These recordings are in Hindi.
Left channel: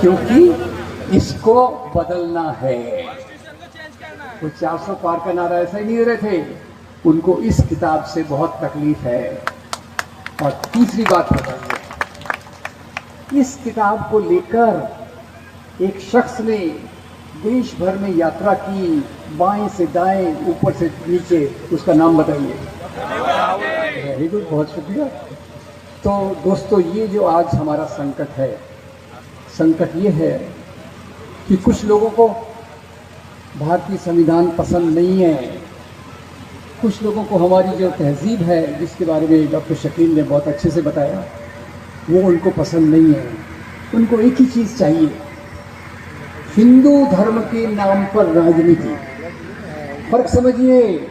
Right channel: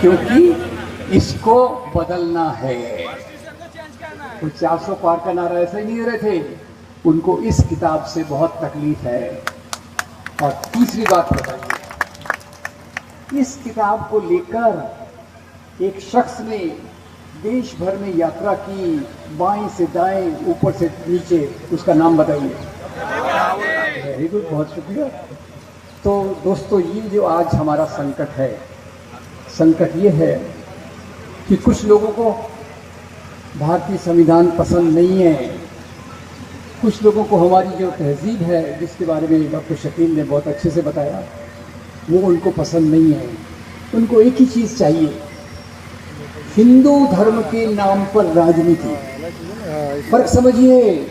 क्योंकि इसको बदलना है। तो 400 पार का नारा ऐसा ही नहीं दे रहे थे, उनको इस किताब से बहुत तकलीफ है। और तीसरी बात बताइए, इस किताब को लेकर एक शख्स ने देश भर में यात्रा की, बाएं से दाएं, ऊपर से नीचे, उसका नाम बताइए। वेरी गुड, बहुत शुक्रिया। तो दोस्तों, ये जो आज हमारा संकट है, संकट ये है कि कुछ लोगों को भारतीय संविधान पसंद नहीं है, कुछ लोगों को हमारी जो तहजीब है, जिसके बारे में डॉक्टर शकील ने बहुत अच्छे से बताया, वो उनको पसंद नहीं है। उनको एक ही चीज़ चाहिए, हिंदू धर्म के नाम पर राजनीति। फर्क समझिए,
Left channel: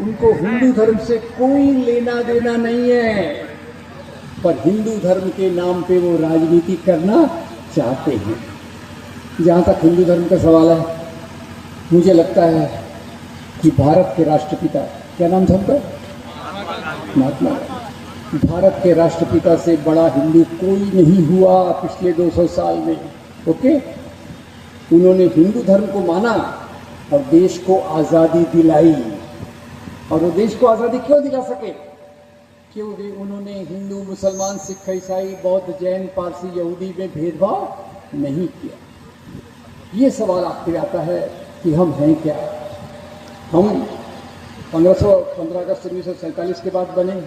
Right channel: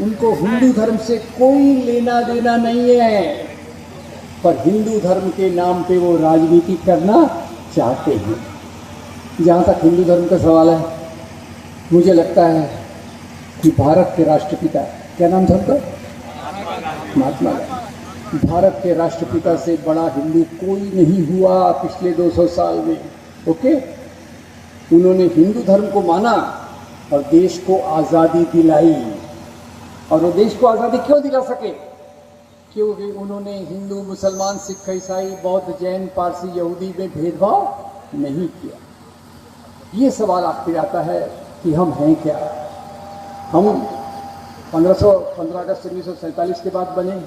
उनको हिंदू धर्म से कोई लेना देना नहीं है, पर हिंदू धर्म के नाम पे वो राजनीति करना चाहते हैं। जहाँ तक हिंदू धर्म का सवाल है, मुझे लगता है कि भारत के राष्ट्रपिता, क्या नाम था उनका? महात्मा गांधी। भारत के राष्ट्रपिता से बड़ा हिंदू कोई नहीं हुआ पिछले 200 साल में। ओके, उन्होंने हिंदू धर्म को माना और देश को आज़ादी दिलाई। और वो देश को आज़ादी क्यों दिला सके? क्योंकि उन्होंने हिंदू, मुसलमान, सिख, ईसाई, बौद्ध, जैन, पारसी, यहूदी में भेदभाव नहीं किया। ये सवाल आपके आता है कि हम हैं क्या? हम 15 अगस्त 1947 के बाद बने,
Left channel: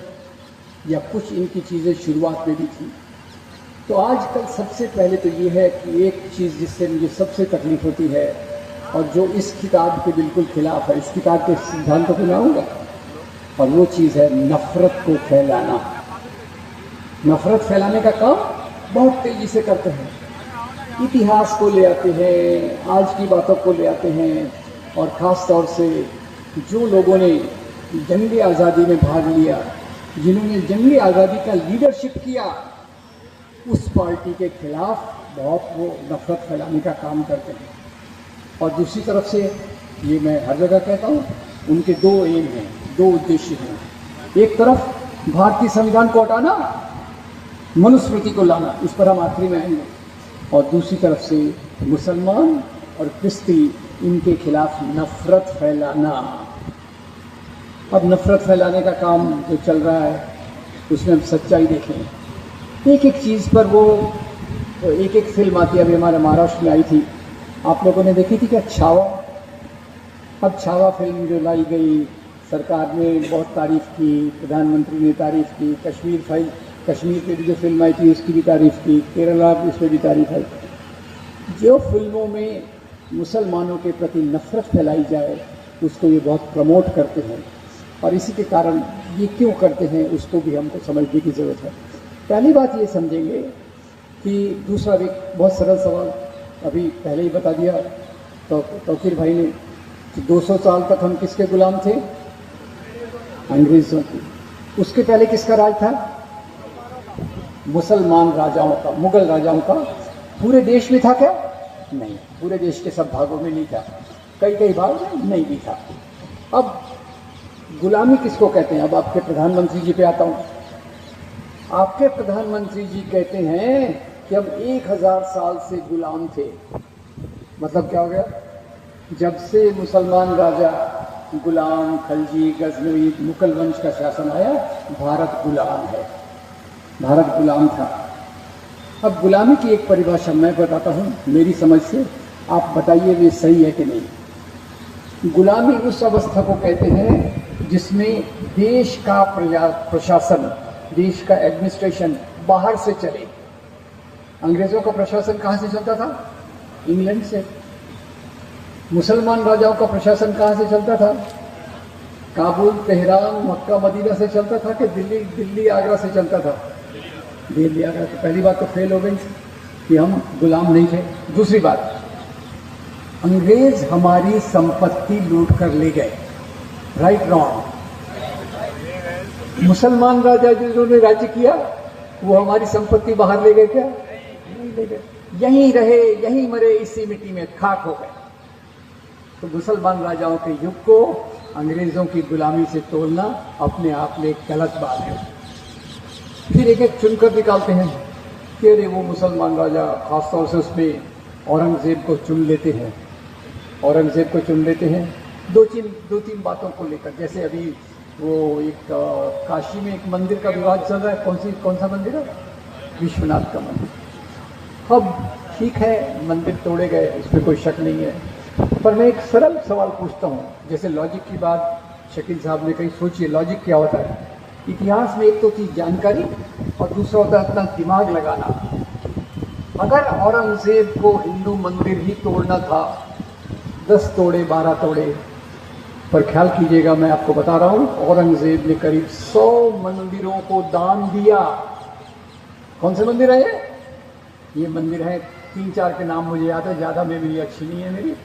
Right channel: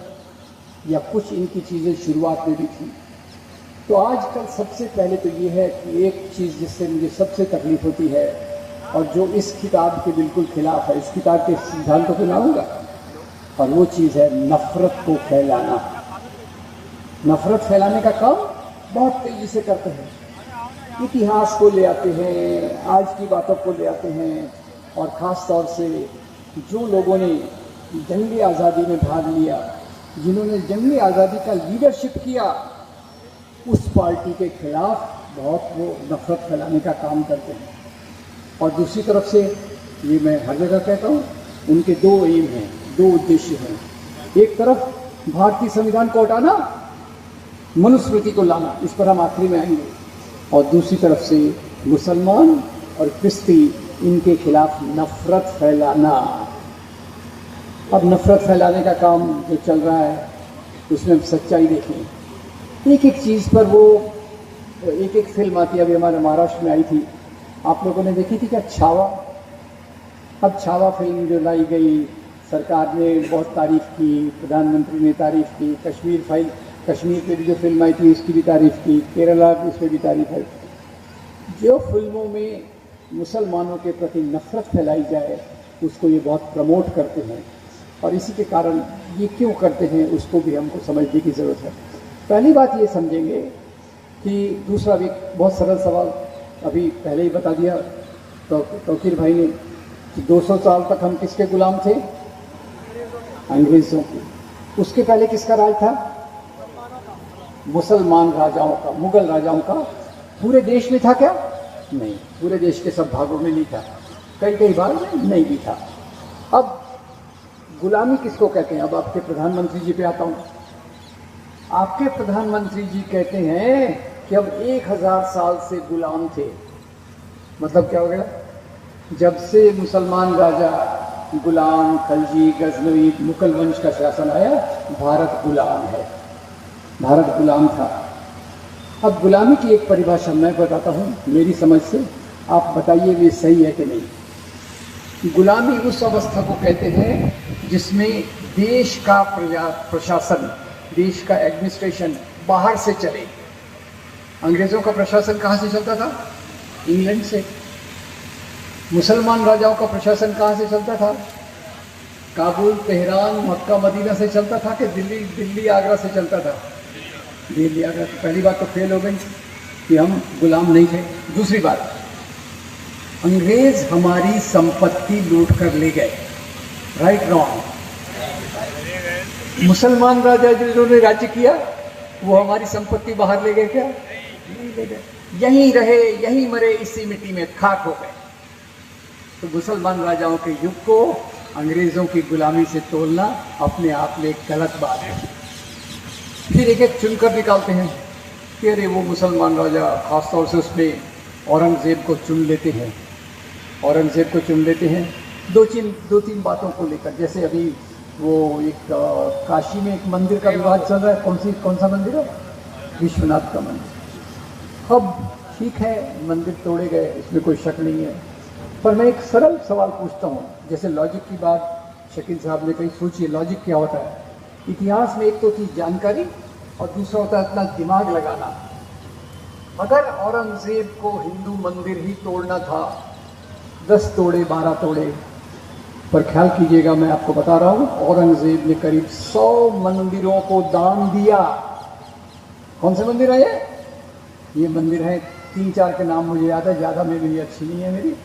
या कुछ इनकी चीज़ें शुरुआत में भी थी? तो आजकल सबसे पहले तो ये है कि एक चीज़ जिससे मुझे सबसे तकलीफ होती है, और जो इस किताब के बिल्कुल खिलाफ है, इस किताब के सिद्धांतों को ना होगा, और वो चीज़ है नफरत को फैलाना। नफरत फैलाने का काम बहुत तेजी से करते हैं, इतिहास को ले आते हैं, आज की बातों को ले आते हैं, और ख़ास तौर से जो लोगों ने जंग आज़ादी में भाग लिया, जिन्होंने जंग आज़ादी का लीडरशिप किया, उस पार्टी के खिलाफ बहुत वो नफरत फैलाने का काम करते हैं। और दूसरी तरफ से, ये मैं हर जगह कहता हूँ, उनके दो एम हैं, दो उद्देश्य हैं। एक तरफ भारतीय संविधान को हटाना, मनुस्मृति को लाना, इस पर हम आखिरी में आएंगे, और दूसरी तरफ से मुसलमान और क्रिश्ती, इनके खिलाफ नफरत फैलाना। अब नफरत फैलाने का काम जो चल रहा है, उसमें हम सच्चाई देखें। एक एक चीज़ पर वो एक एक फिल्म आती है। अभी हमारे महाराष्ट्र में आई थी, आप लोगों ने देखी थी क्या? छावा। अब छावा फिल्म जो लाई गई, सरकार ने बहुत तारीफ की, प्रधानमंत्री ने तारीफ की, कश्मीर पे भी जो फिल्म आई थी उसकी भी तारीफ की, केरला इस पर भी तारीफ आई। जो फिल्मों में मुसलमानों के प्रति नफरत फैलाई जाए, उसको ये बहुत प्रमोट करते हैं, और इसी के कारण ये क्यों करते हैं, उसको भी हमको समझने की ज़रूरत है। पहली बात ये समझेंगे कि दूसरा भी बहुत सरल सवाल अभी पहले ही बता दिया तो तौकीर भाई ने कि 200 साल तक हम किसके गुलाम थे? अंग्रेजों के। उसके पहले किसका राज था? मुसलमान राजाओं का, मुगल राजाओं का। पूरे देश में था क्या? नहीं, पूरे देश के सब भागों में नहीं था, कई कई भाग में नहीं भी था। अब गुलामी किसको कहते हैं? अब आपके प्रधानमंत्री जी पे आता हूँ। आपके प्रधानमंत्री जी कहते हैं कि हम 1000 साल से गुलाम थे। मतलब क्या हो गया? जब से मुसलमान राजा गुलाम, खलजी, गजनवी, मुगल वंश का शासन आया, भारत गुलाम है, भारत गुलाम था। अब गुलामी की एक परिभाषा मैं बताता हूँ मेरी समझ से, आप बताइए ये सही है कि नहीं। गुलामी उस अवस्था को कहते हैं जिसमें देश का प्रशासन, देश का एडमिनिस्ट्रेशन बाहर से चले। अंग्रेजों का प्रशासन कहाँ से चलता था? इंग्लैंड से। मुसलमान राजाओं का प्रशासन कहाँ से चलता था? काबुल, तेहरान, मक्का, मदीना से चलता था कि दिल्ली आगरा से चलता था? दिल्ली आगरा। तो पहली बात तो फेल हो गई कि हम गुलाम नहीं थे। दूसरी बात, अंग्रेज हमारी संपत्ति लूट कर ले गए। Right wrong? मुसलमान राजा जिन्होंने राज्य किया वो हमारी संपत्ति बाहर ले गए क्या? नहीं ले गए। यहीं रहे, यहीं मरे, इसी मिट्टी में खाक हो गए। तो मुसलमान राजाओं के युग को अंग्रेजों की गुलामी से तोलना अपने आप में एक गलत बात है। फिर एक एक चुनकर निकालते हैं कि अरे वो मुसलमान राजा खासतौर से उसमें औरंगज़ेब को चुन लेते हैं, औरंगज़ेब को चुन लेते हैं दो तीन बातों को लेकर। जैसे अभी वो एक काशी में एक मंदिर का विवाद चल रहा है, कौन सा मंदिर है? विश्वनाथ का मंदिर। अब ठीक है, मंदिर तोड़े गए, इसमें कोई शक नहीं है, पर मैं एक सरल सवाल पूछता हूँ, जैसे लॉजिक की बात शकील साहब ने कही। सोचिए लॉजिक क्या होता है। इतिहास में एक तो थी जानकारी और दूसरा होता है अपना दिमाग लगाना। अगर औरंगज़ेब को हिंदू मंदिर ही तोड़ना था, 10 तोड़े 12 तोड़े, पर ख्याल कीजिएगा, मैं आपको बता रहा हूँ, औरंगज़ेब ने करीब 100 मंदिरों को दान दिया। कौन से मंदिर है ये मंदिर है 3-4 के नाम मुझे याद है, ज़्यादा मेमोरी अच्छी नहीं है मेरी।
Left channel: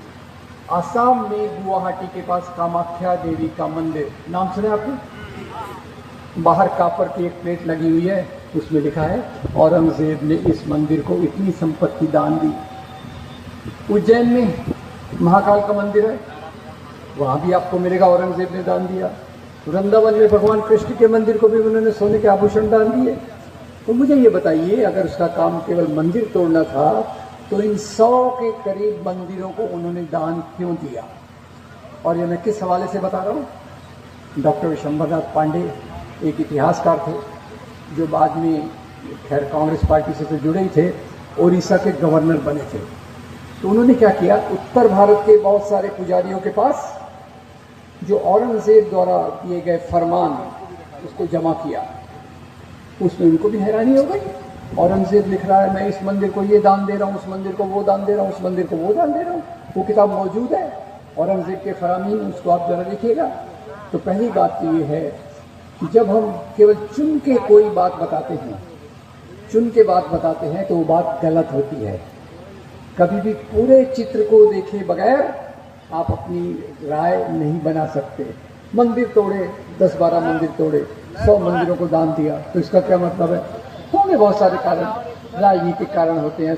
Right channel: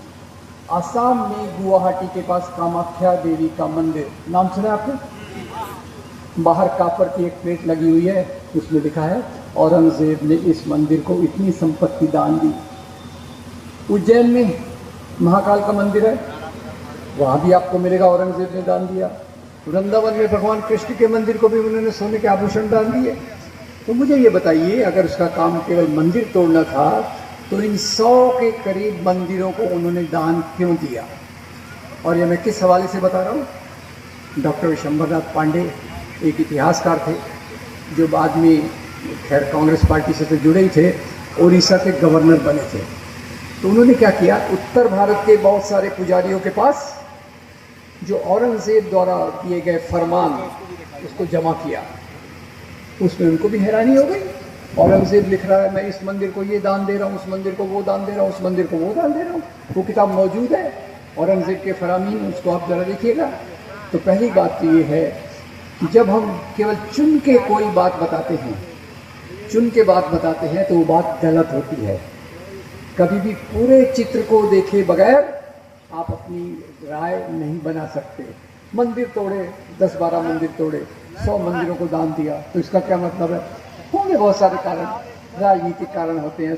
आसाम में गुवाहाटी के पास कामाख्या देवी का मंदिर, नाम सुना आपने? बाहर कापर की एक प्लेट लगी हुई है, उसमें लिखा है औरंगज़ेब ने इस मंदिर को इतनी संपत्ति दान दी। उज्जैन में महाकाल का मंदिर है, वहाँ भी आपको मिलेगा औरंगज़ेब ने दान दिया। वृंदावन में भगवान कृष्ण के मंदिर को भी उन्होंने सोने के आभूषण दान दिए। तो मुझे ये बताइए, अगर उसका काम केवल मंदिर तोड़ना था तो इन 100 के करीब मंदिरों को उन्होंने दान क्यों दिया? और ये मैं किस हवाले से बता रहा हूँ? डॉक्टर विशंबरनाथ पांडे एक इतिहासकार थे जो बाद में खैर कांग्रेस पार्टी से तो जुड़े ही थे, उड़ीसा के गवर्नर बने थे। तो उन्होंने क्या किया, उत्तर भारत के बहुत सारे पुजारियों के पास जो औरंगज़ेब द्वारा दिए गए फरमान उसको जमा किया। उसमें उनको भी हैरानी हो गई, औरंगज़ेब लिख रहा है मैं इस मंदिर को ये दान दे रहा हूँ, उस मंदिर को वो दान दे रहा हूँ, उस मंदिर को वो दान दे रहा हूँ। वो किताब मौजूद है, औरंगज़ेब के फरामीन, उसको आप जरा देखिएगा। तो पहली बात तो ये है कि जब हम केवल चुन के कोई बात बताते हैं, चुन के बात बताते हैं तो वो बात गलत होती है। कभी भी पूरे चित्र को देखे बगैर आप अपनी राय नहीं बना सकते। मंदिर तोड़े, 10-12 मंदिर तोड़े, 100 मंदिरों को दान दिया, तो इसका क्या मतलब है? होंगे बहुत सारे कारण, राजनीतिक कारण होते हैं,